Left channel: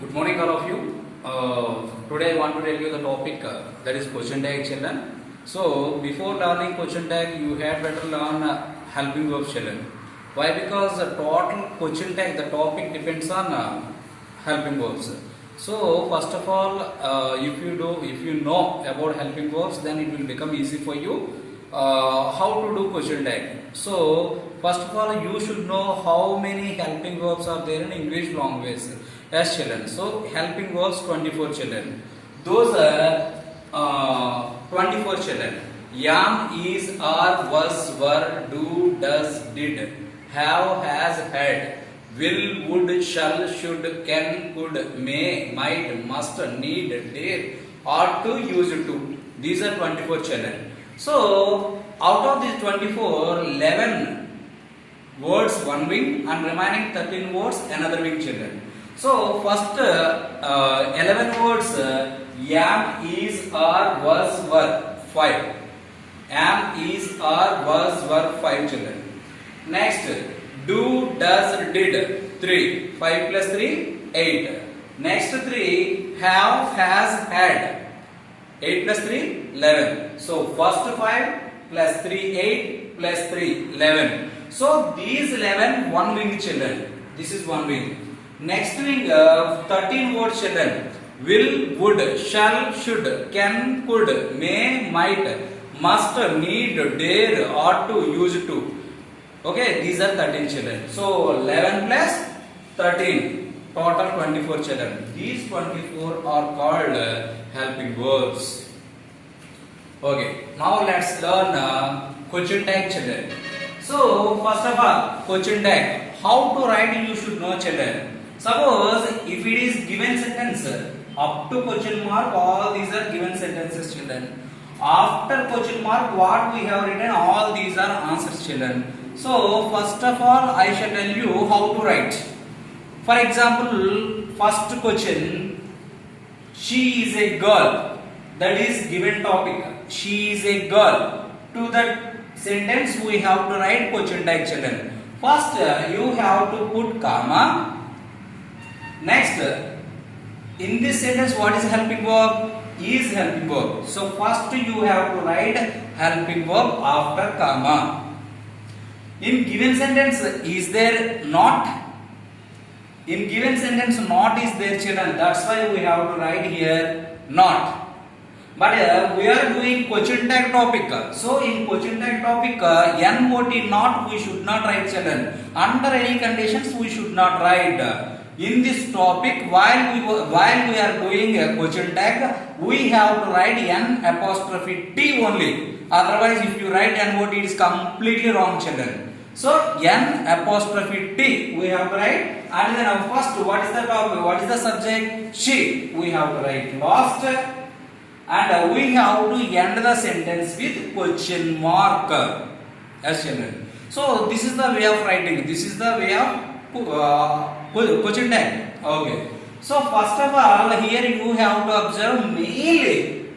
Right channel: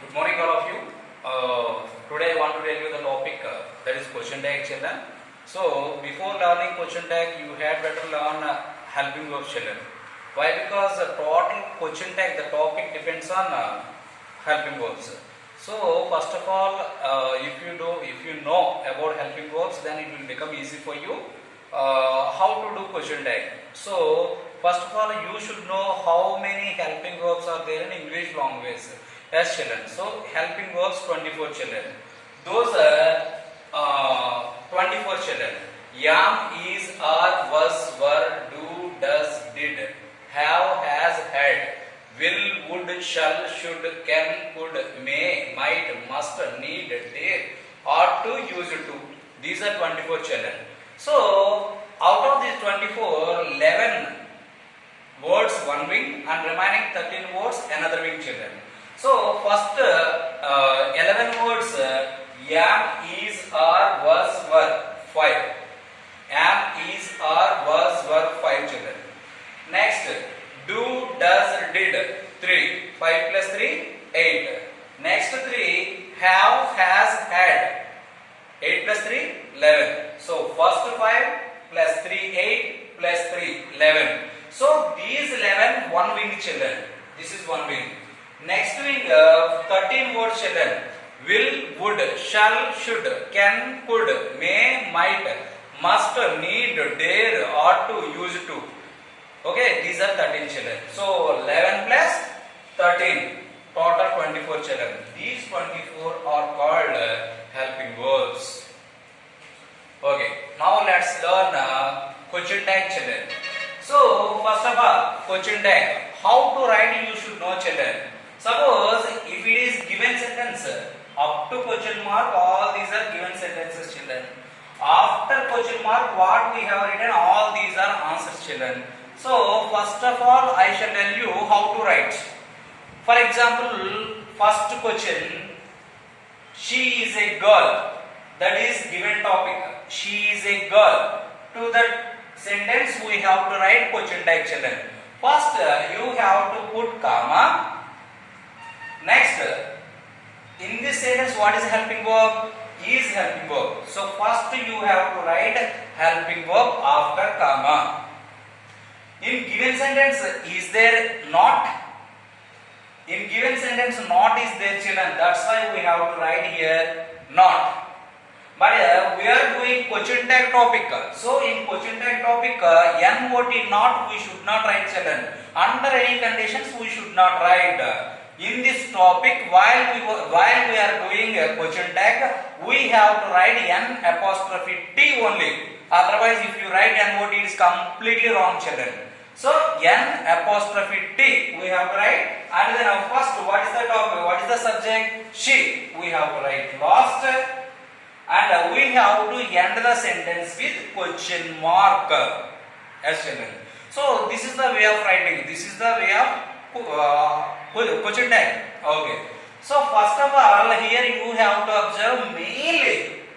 Good morning, all of you. Today I want to tell you the topic that is question tag children. So before learning question tag, you had better learn helping verb children. Why? Because the total question tag, the topic depends on helping verbs. So first of all, if you know about helping verbs, then it will become easy for you how to do question tag. So first of all, you should know how many helping verbs are there in English language. Yes, children. So helping verbs 24 children. Those are 24 children. Yam, is, are, was, were, do, does, did, have, has, had, will, would, shall, should, can, could, may, might, must, need, dare, ought to, used to. These are 24 children. So out of these 24, 11 words one wing and remaining 13 words another wing children. So first 11 words am, is, are, was, were 5. Am, is, are, was, were 5 children. Next do, does, did 3. 5 plus 3 8. Next 3 have, has, had 8 plus 3 11. So first 5 plus 3 8 plus 3 11. So these 11 one wing children. This is one wing. Next wing 13 words children. Will, would, shall, should, can, could, may, might, must, need, dare, ought to, used to. Okay, these are 13 children. So 11 plus 13, total 24 children. These 24 are called helping verbs. Okay, now let's learn question tag children. So first of all, question tag. How to write you should know children. Suppose if it is given sentence up to question mark, all these are given sentences children. After question mark, what we have written, all these are answers children. So first of all, I shall tell you how to write. For example, first question, she is a girl. That is given topic. She is a girl. To that sentence we have to write question tag children. First you have to put comma. Next, in this sentence what is helping verb? Is helping verb. So first you have to write helping verb after comma. In given sentence, is there not? In given sentence, not is there children. That's why we have to write here not. But we are doing question tag topic. So in question tag topic, not not we should not write children. Under any conditions we should not write. In this topic, while we are doing a question tag, we have to write n apostrophe t only. Otherwise, if you write not, it is completely wrong children. So n apostrophe t we have to write, and then first what is the topic? What is the subject? She. We have to write lost, and we have to end the sentence with question mark. Yes children. So this is the way of writing. This is the way of question tag. Okay. So first of all, here you have to observe mainly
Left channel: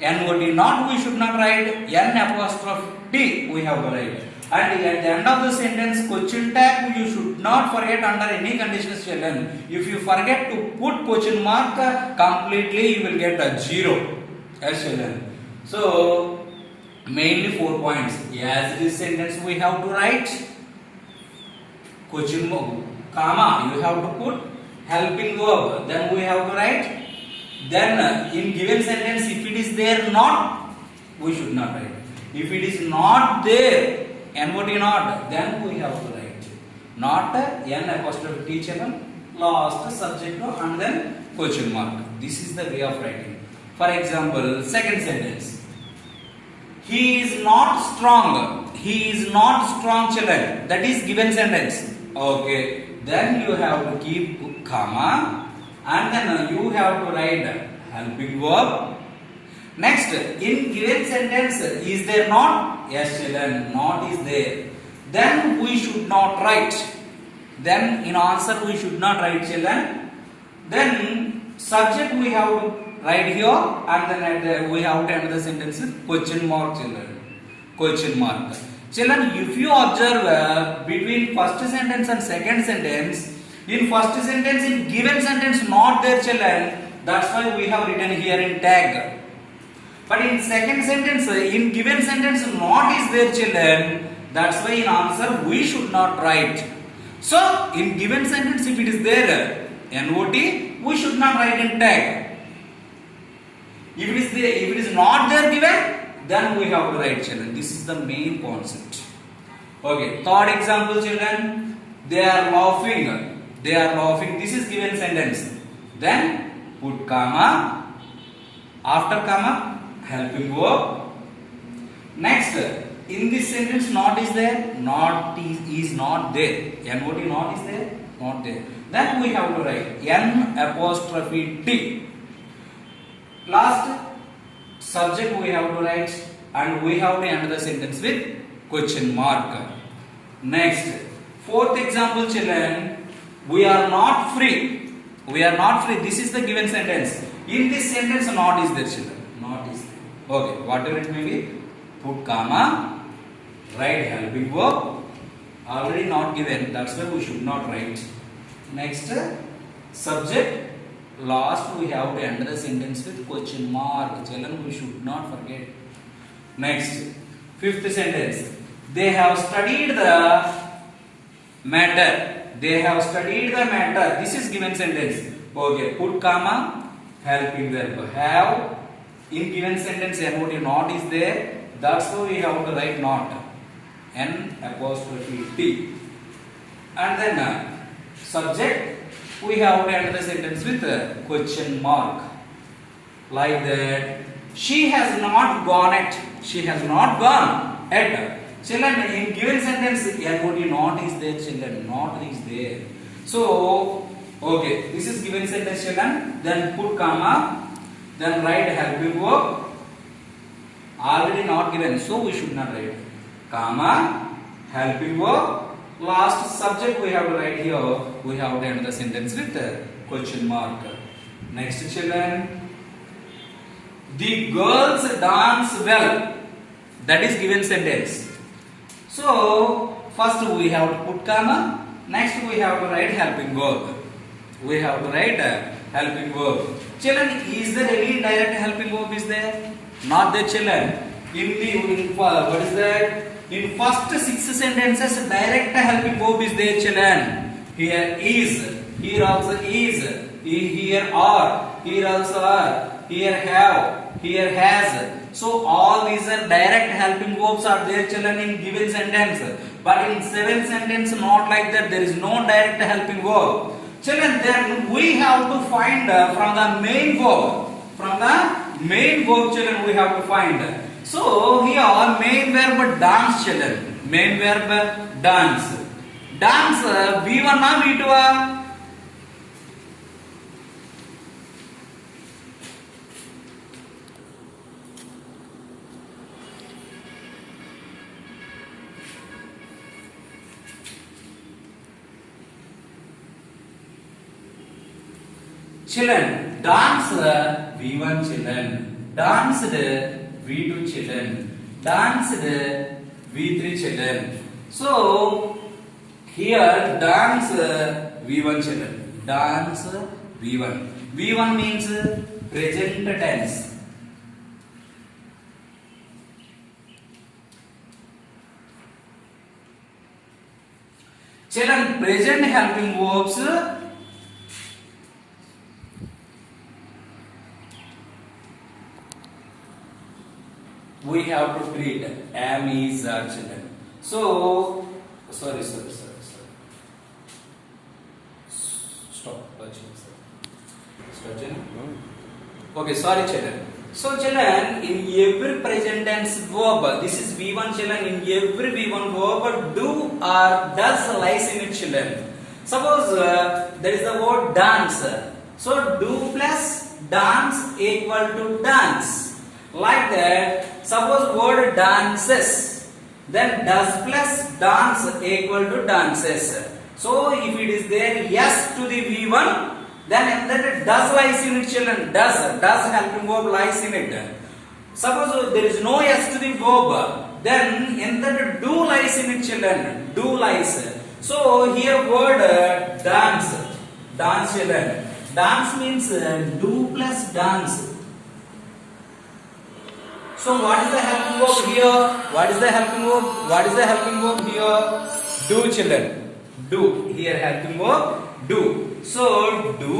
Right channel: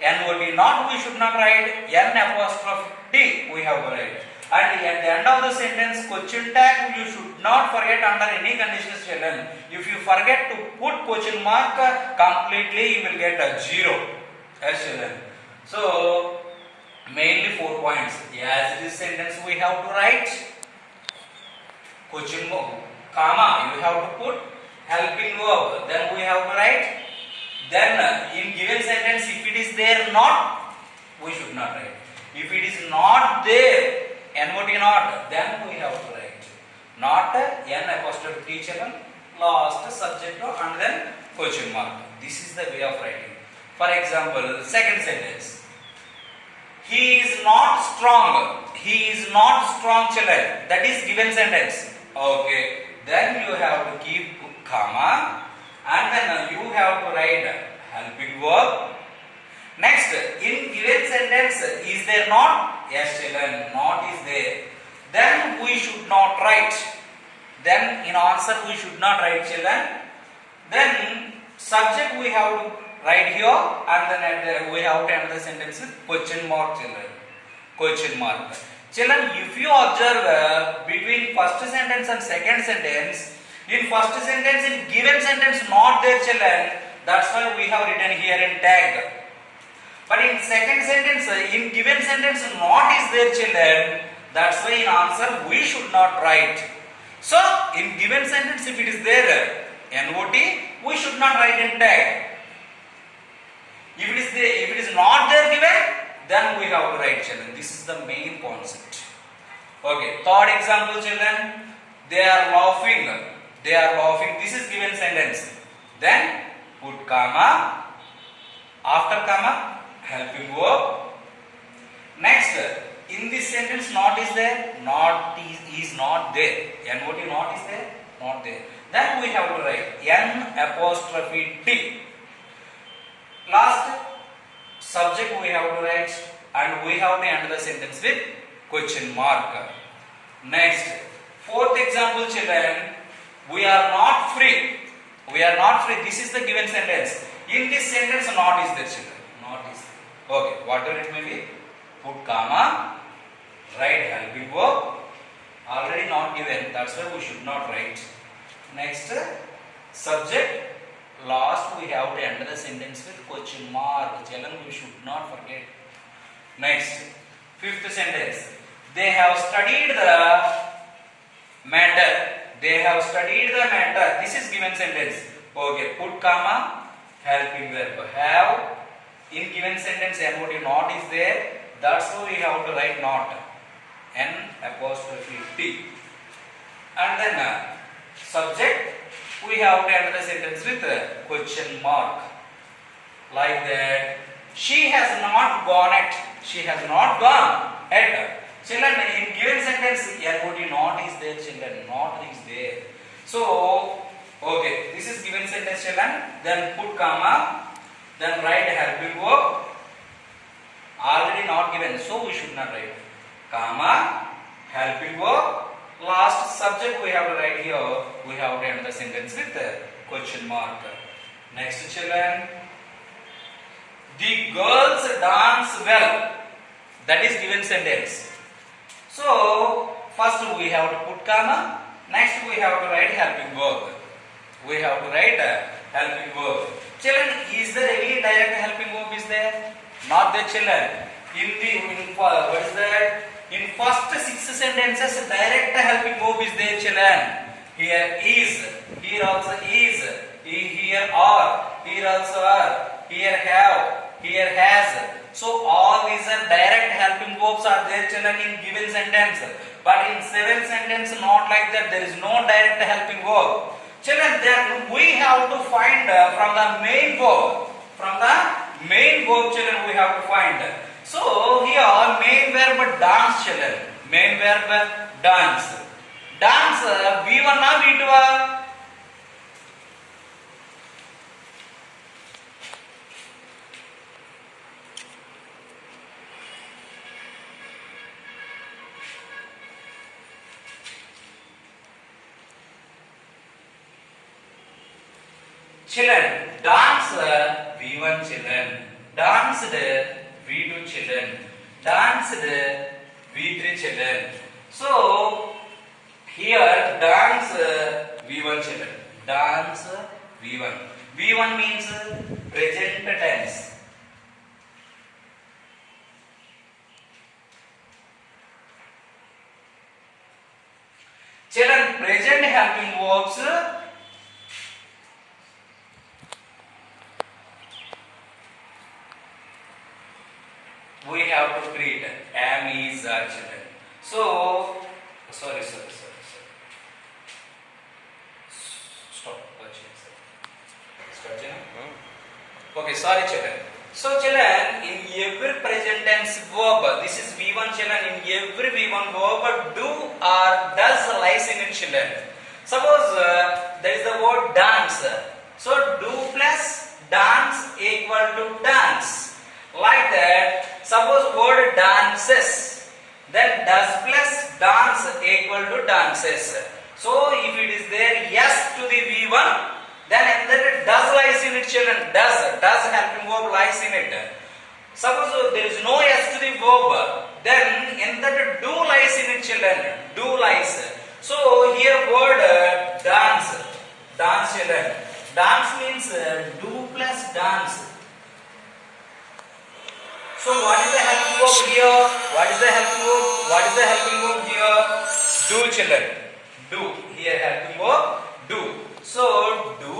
not not we should not write, n apostrophe t we have to write. And at the end of the sentence, question tag you should not forget under any conditions children. If you forget to put question mark, completely you will get a 0. Yes children. So mainly 4 points. As this sentence we have to write question mark, comma, you have to put helping verb, then we have to write. Then in given sentence, if it is there not, we should not write. If it is not there, not, then we have to write not n apostrophe t children, last subject and then question mark. This is the way of writing. For example, second sentence, he is not strong. He is not strong children. That is given sentence. Okay. Then you have to keep comma, and then you have to write helping verb. Next, in given sentence, is there not? Yes children, not is there. Then we should not write. Then in answer we should not write children. Then subject we have to write here, and then we have to end the sentence with question mark children. Question mark. Children, if you observe between first sentence and second sentence, In first sentence, in given sentence not there children, that's why we have written here in tag. But in second sentence, in given sentence not is there children, that's why in answer we should not write. So in given sentence if it is there not, we should not write in tag. If it is not there given, then we have to write children. This is the main concept. Okay, third example children, they are laughing. They are laughing. This is given sentence. Then put comma, after comma, helping verb. Next, in this sentence not is there, not is not there. Not not is there, not there. Then we have to write N apostrophe T. Last subject we have to write, and we have to end the sentence with question mark. Next, fourth example children, we are not free. We are not free. This is the given sentence. In this sentence not is there children. Not is there. Okay, whatever it may be, put comma, write helping verb. Already not given, that's why we should not write. Next, subject. Last we have to end the sentence with question mark. Children, we should not forget. Next, fifth sentence. They have studied the matter. They have studied the matter. This is given sentence. Okay, put comma, helping verb. Have. In given sentence, not is there. That's why we have to write not. N apostrophe T. And then subject. We have to end the sentence with a question mark. Like that. She has not gone yet. She has not gone yet. Children, in given sentence, not is there, children. Not is there. So, okay, this is given sentence, children. Then put comma. Then write helping verb. Already not given, so we should not write. Comma, helping verb. Last subject we have to write here. We have to end the sentence with a question mark. Next, children. The girls dance well. That is given sentence. So, first we have to put comma. Next we have to write helping verb. We have to write helping verb. Children, is there any direct helping verb is there? Not there children. What is that? In first 6 sentences, direct helping verb is there children. Here is, here also is, here are, here also are, here have, here has. So all these are direct helping verbs are there children in given sentence. But in 7 sentence not like that. There is no direct helping verb. Children, then we have to find from the main verb. From the main verb children we have to find. So here main verb dance children. Main verb dance. Dance V1 or V2? Children, dance V1 children, danced V2 children, danced V3 children. So here dance V1 children, dance V1. V1 means present tense. Children, present helping verbs. We have to create am, is, are children. So, sorry. Stop. Stop, children. Okay, sorry, children. So, children, in every present tense verb, this is V1, children. In every V1 verb, do or does lies in it, children. Suppose there is the word dance. So, do plus dance equal to dance. Like that, suppose word dances, then does plus dance equal to dances. So if it is there yes to the V1, then does lies in it children. Does helping verb lies in it. Suppose there is no yes to the verb, then in that do lies in it children. Do lies. So here word dance. dance children. Dance means do plus dance. So what is the helping verb here? What is the helping verb? What is the helping verb here? Do children. Do. Here helping verb do. So do.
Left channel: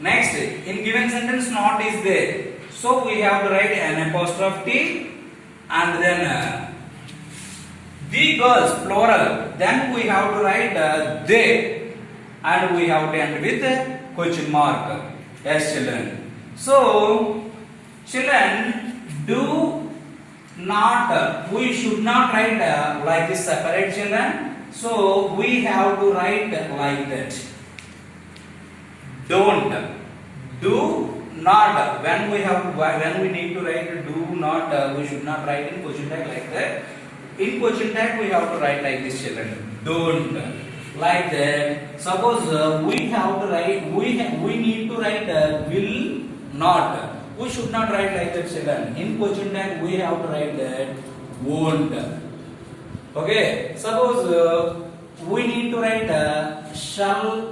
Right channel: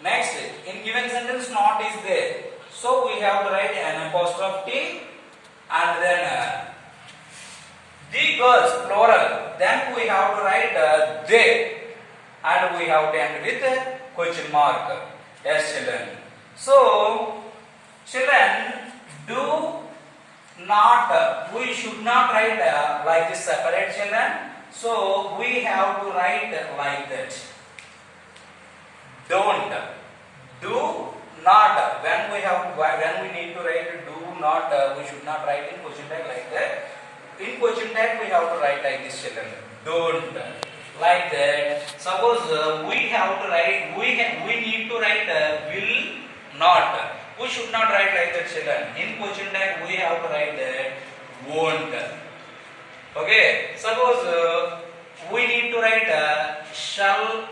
Next, in given sentence not is there. So we have to write an apostrophe T and then the girls plural. Then we have to write they and we have to end with question mark. Yes children. So children, do not, we should not write like this separate children. So we have to write like that. Don't. Do not. When we need to write do not, we should not write in question tag like that. In question tag we have to write like this children. Don't. Like that. Suppose we have to write, we need to write will not. We should not write like that children. In question tag we have to write that won't. Okay. Suppose we need to write shall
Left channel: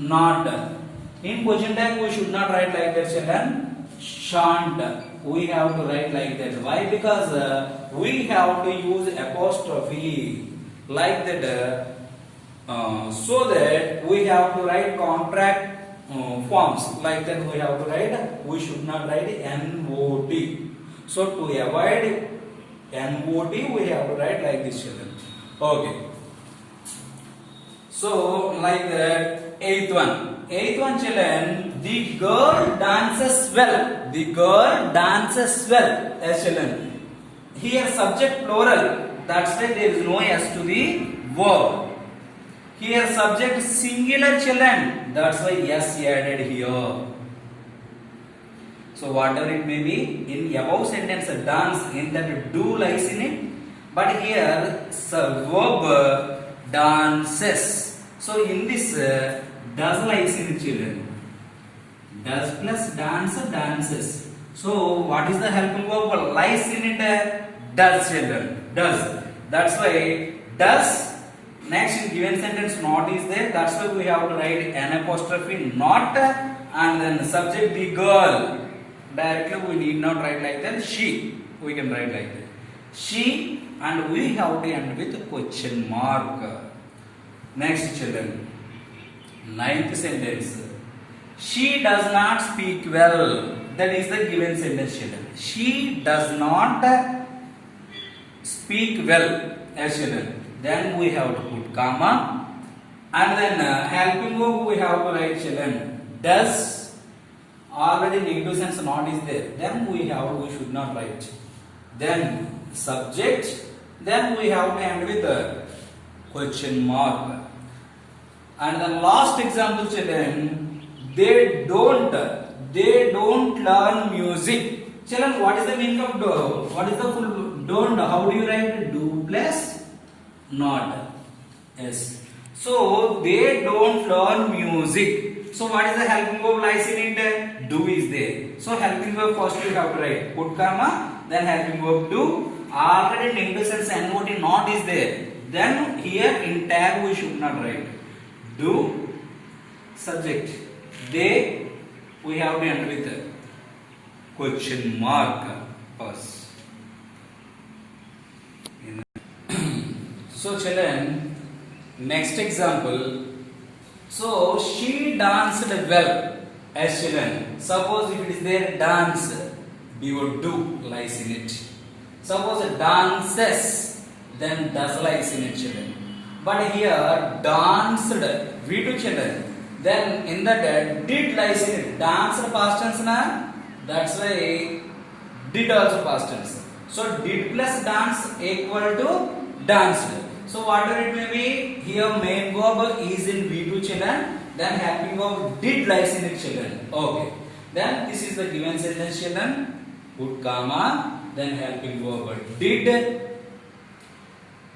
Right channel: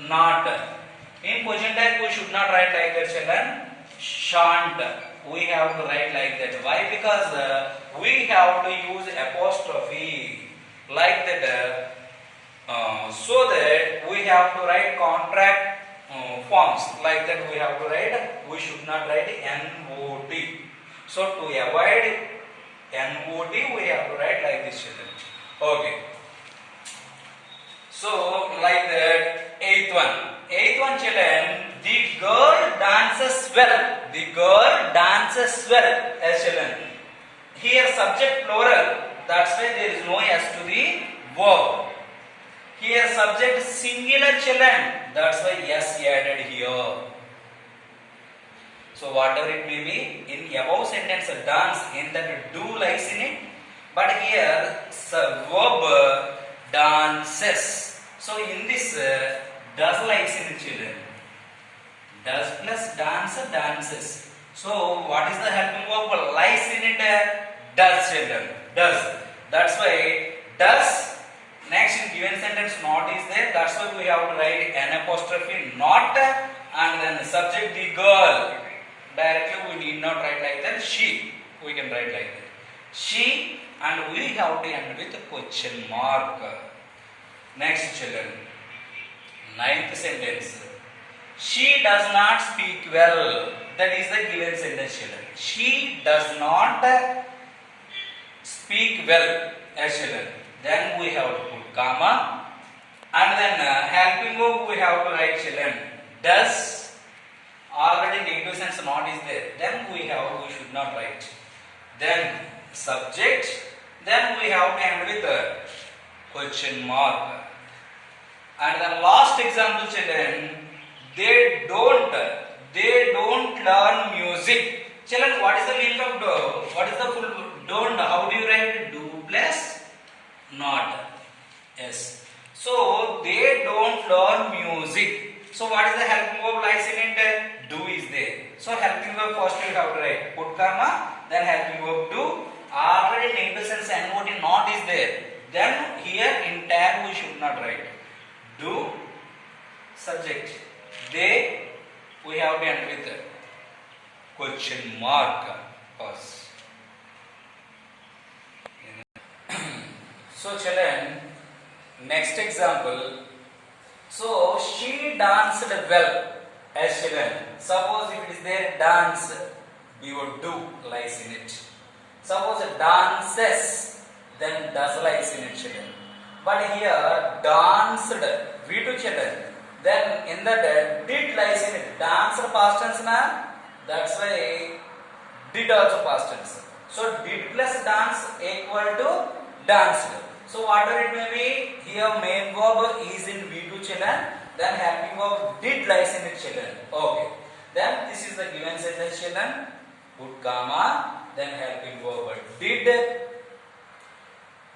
not. In question tag we should not write like that children. Shan't. We have to write like that. Why? Because we have to use apostrophe like that. So that we have to write contract forms like that. We have to write, we should not write NOT. So to avoid NOT we have to write like this children. Okay. So like that. Eighth one children, the girl dances well. The girl dances well. As children, here subject plural, that's why there is no s to the verb. Here subject singular children, that's why s added here. So whatever it may be, in above sentence dance, in that do lies in it, but here verb dances. So in this does lies in it children. Does plus dance, dances. So what is the helping verb? Lies in it does children. Does. That's why does. Next in given sentence not is there. That's why we have to write an apostrophe not and then subject the girl. Directly we need not write like that. She. We can write like that. She, and we have to end with question mark. Next children. Ninth sentence. She does not speak well. That is the given sentence children. She does not speak well as children. Then we have to put comma and then helping verb we have to write children. Does. Already negative sense not is there. Then we should not write. Then subject. Then we have to end with question mark. And then last example children, they don't learn music. Children, what is the meaning of do? What is the full don't? How do you write do plus not? Yes. So they don't learn music. So what is the helping verb lies in it? Do is there. So helping verb first you have to write put comma, then helping verb do. Already negative sense NOT not is there. Then here in tag we should not write. Do subject they we have to end with question mark first. So children, next example. So she danced well as children. Suppose if it is there dance, your do lies in it. Suppose dances, then does lies in it children. But here danced, we do children. Then in that did lies in it. Danced past tense na. That's why did also past tense. So did plus dance equal to danced. So whatever it may be, here main verb is in V2 children. Then helping verb did lies in it children. Okay. Then this is the given sentence children. Put comma. Then helping verb did.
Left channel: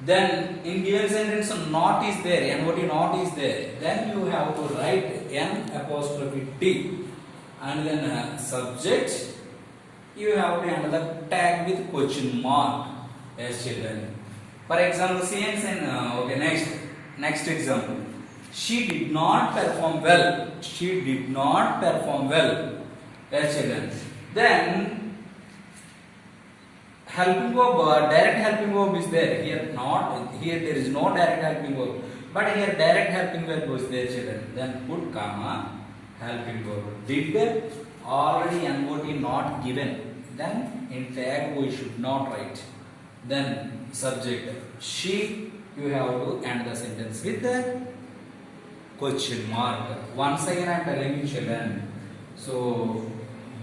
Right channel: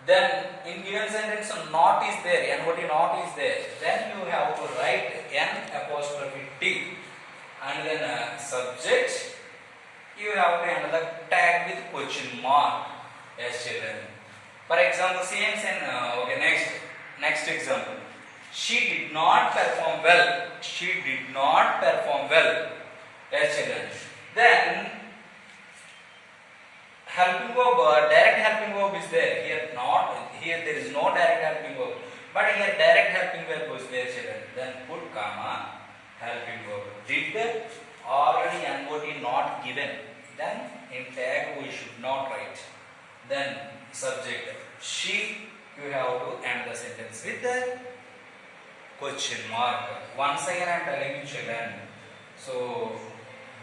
Then in given sentence not is there, NOT not is there. Then you have to write N apostrophe T and then subject. You have to end the tag with question mark. Yes children. For example, same okay, next example. She did not perform well. She did not perform well. Yes, children. Then helping verb, direct helping verb is there. Here there is no direct helping verb, but here direct helping verb was there, children. Then put comma helping verb. Did already NOT not given. Then in tag we should not write. Then subject she, you have to end the sentence with the question mark. Once again I am telling you, children. So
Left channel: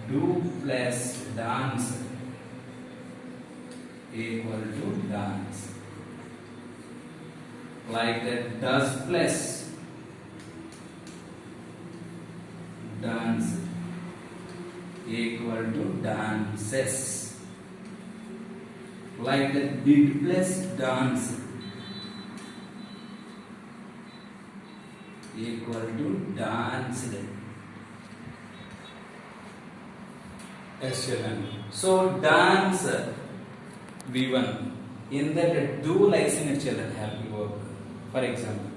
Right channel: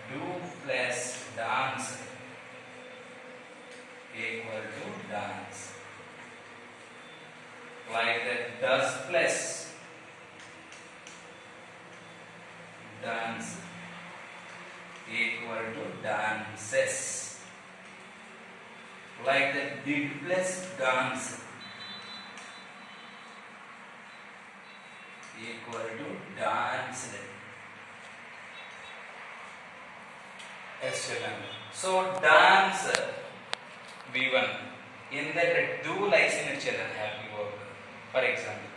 do plus dance equal to dance. Like that, does plus dance equal to dances. Like that, did plus dance equal to danced. Excellent. So dance V1 in that do lies in it, children, helping verb. For example,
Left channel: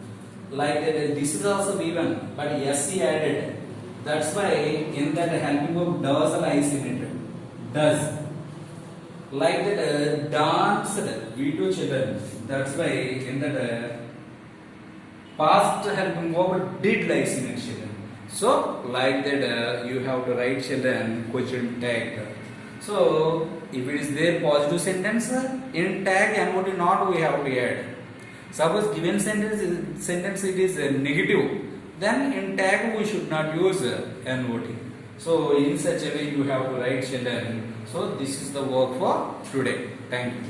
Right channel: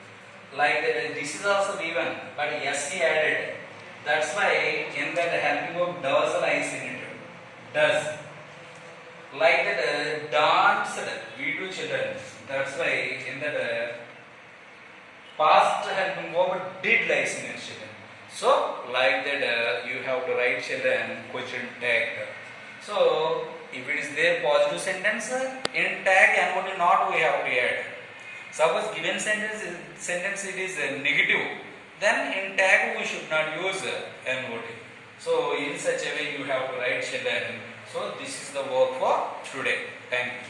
like that, this is also V1, but SC added. That's why in that helping verb does lies in it. Does. Like that, danced V2, children. That's why in that past helping verb did lies in it, children. So like that, you have to write, children, question tag. So if it is there positive sentence, in tag NOT not we have to add. Suppose given sentence it is negative, then in tag we should not use NOT. So in such a way you have to write, children. So this is the work for today. Thank you.